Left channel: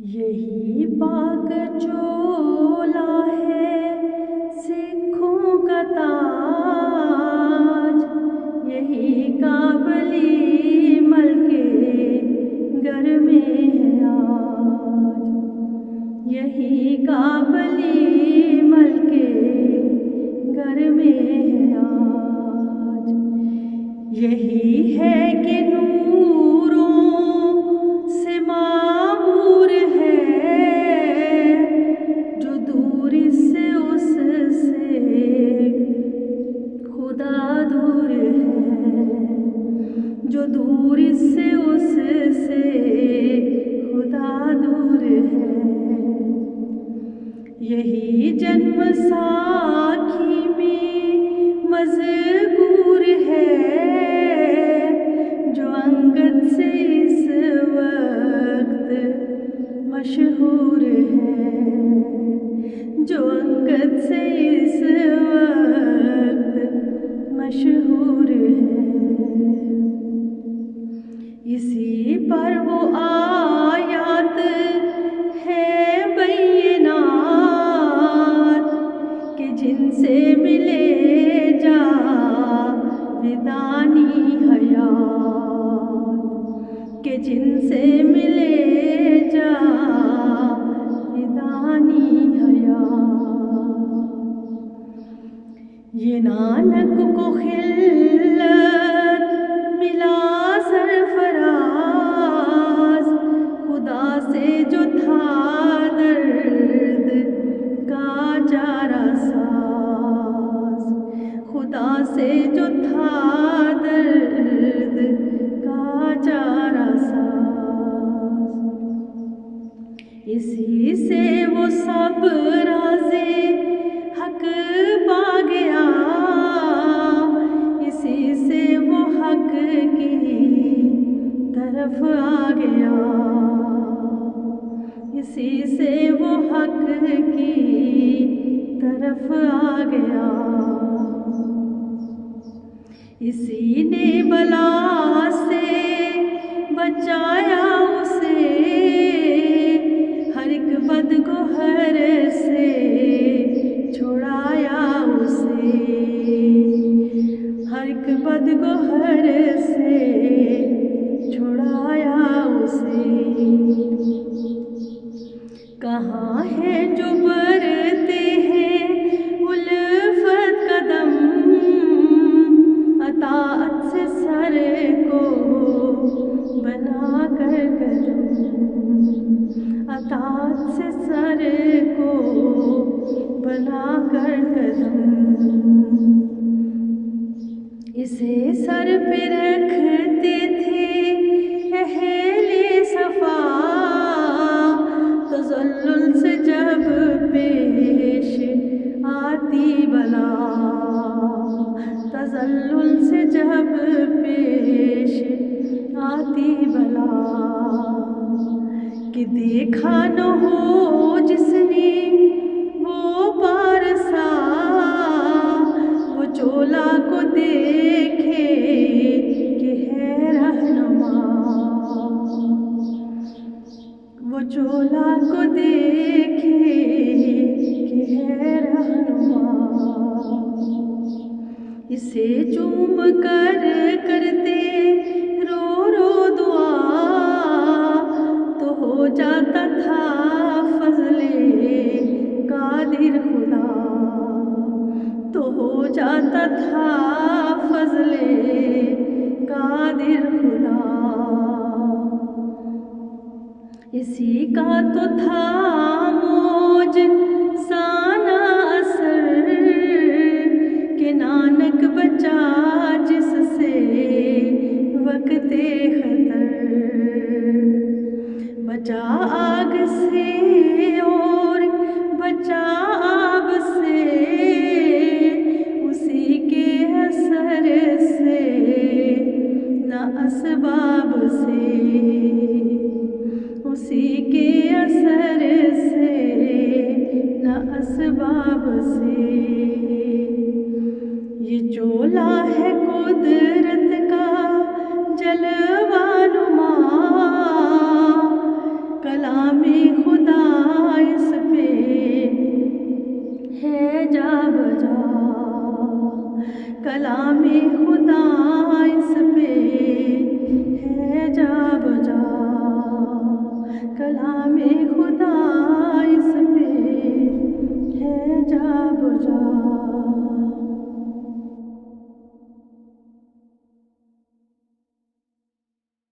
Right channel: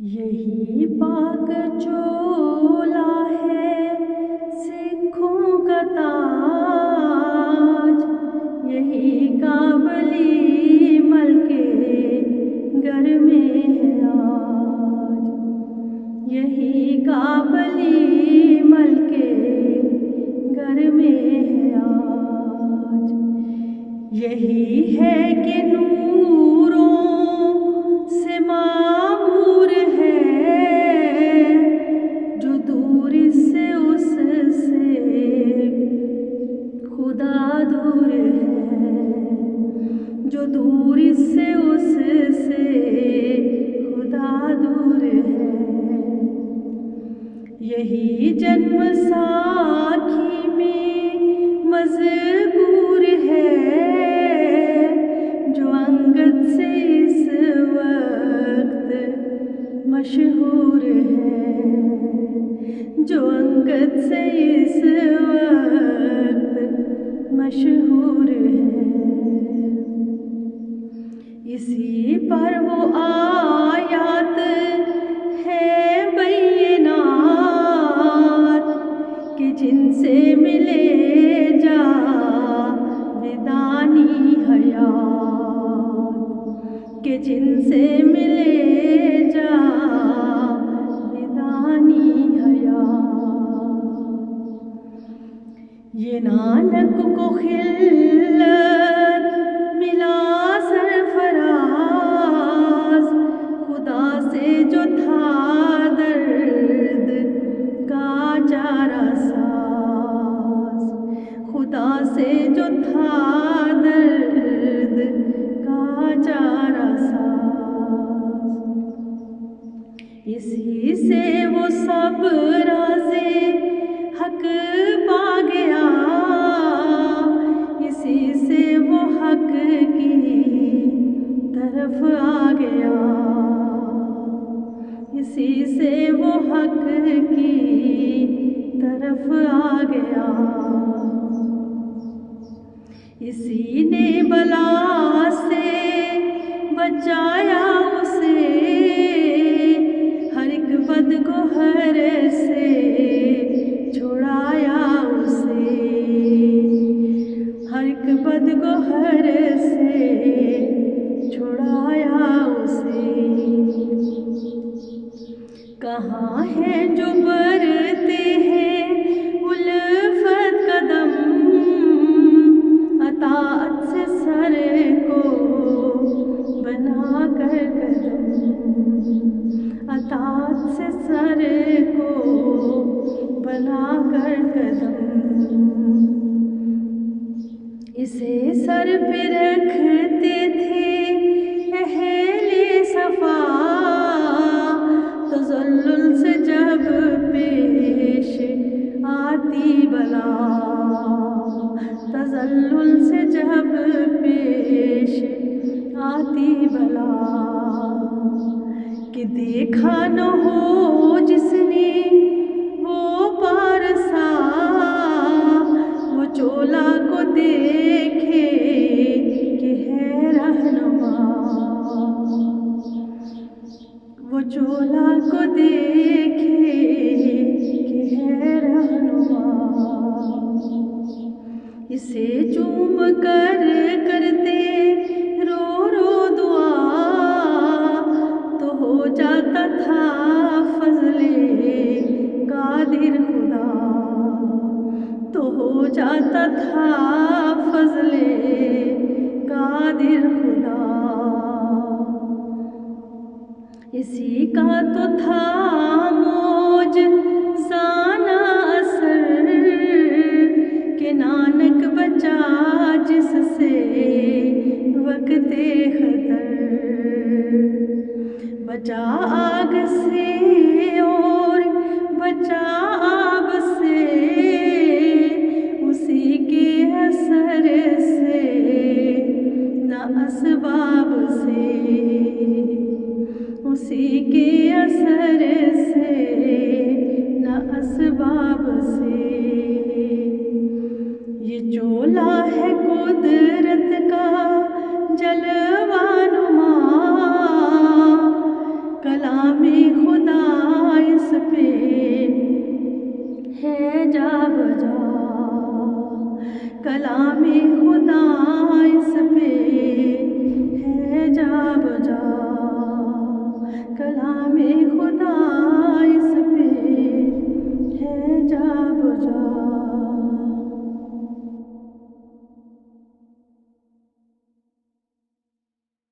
یہی پاک چولا ہے سکھوں کا تاج، یہی کابلی ملک گھر میں ہے آج، یہی کابلی ملک گھر میں ہے آج۔ یہی ہے کہ نوروں سے معمور ہے، جو دور سے اس سے خدا دور ہے، جو دور سے اس سے خدا دور ہے۔ یہی جنم ساکھی میں مذکور ہے، جو انگد سے اس وقت مشہور ہے، جو انگد سے اس وقت مشہور ہے۔ اسی پر وہ آیات ہیں بینات کہ جن سے ملے جاودانی حیات، کہ جن سے ملے جاودانی حیات۔ یہ نانک کو خلت ملا سرفراز، خدا سے جو تھا درد کا چارہ ساز، خدا سے جو تھا درد کا چارہ ساز۔ اسی سے وہ سب راز حق پا گیا، اسی سے وہ حق کی طرف آ گیا، اسی سے وہ حق کی طرف آ گیا۔ اسی نے بلا سے بچایا اسے، ہر ایک بدگہر سے چھڑایا اسے، ہر ایک بدگہر سے چھڑایا اسے۔ کہاں ہیں جو برتے ہیں الفت قدم، اطاعت سے سر کو بنا کر قدم، اطاعت سے سر کو بنا کر قدم۔ اسے سر پہ رکھتے تھے اہل صفا، تذلل سے جب پیش آتی بلا، تذلل سے جب پیش آتی بلا۔ کہ دیکھا نہ ہو جس نے وہ پارسا، وہ چولا کو دیکھے کہ ہے رہنما، وہ چولا کو دیکھے کہ ہے رہنما۔ اسے چوم کر کرتے رو رو دعا، تو ہو جاتا تھا فضل قادر خدا، تو ہو جاتا تھا فضل قادر خدا۔ اسی کا تو تھا موجزانہ اثر، کہ نانک بچا جس سے وقت خطر، بچا آگ سے اور بچا آب سے، اسی کے اثر سے نہ اسباب سے، اسی کے اثر سے نہ اسباب سے۔ یہ چولا ہے قدرت کا جلوہ نما، کلام خدا اس پہ ہے جا بجا، کلام خدا اس پہ ہے جا بجا، کلام خدا اس پہ ہے جا بجا۔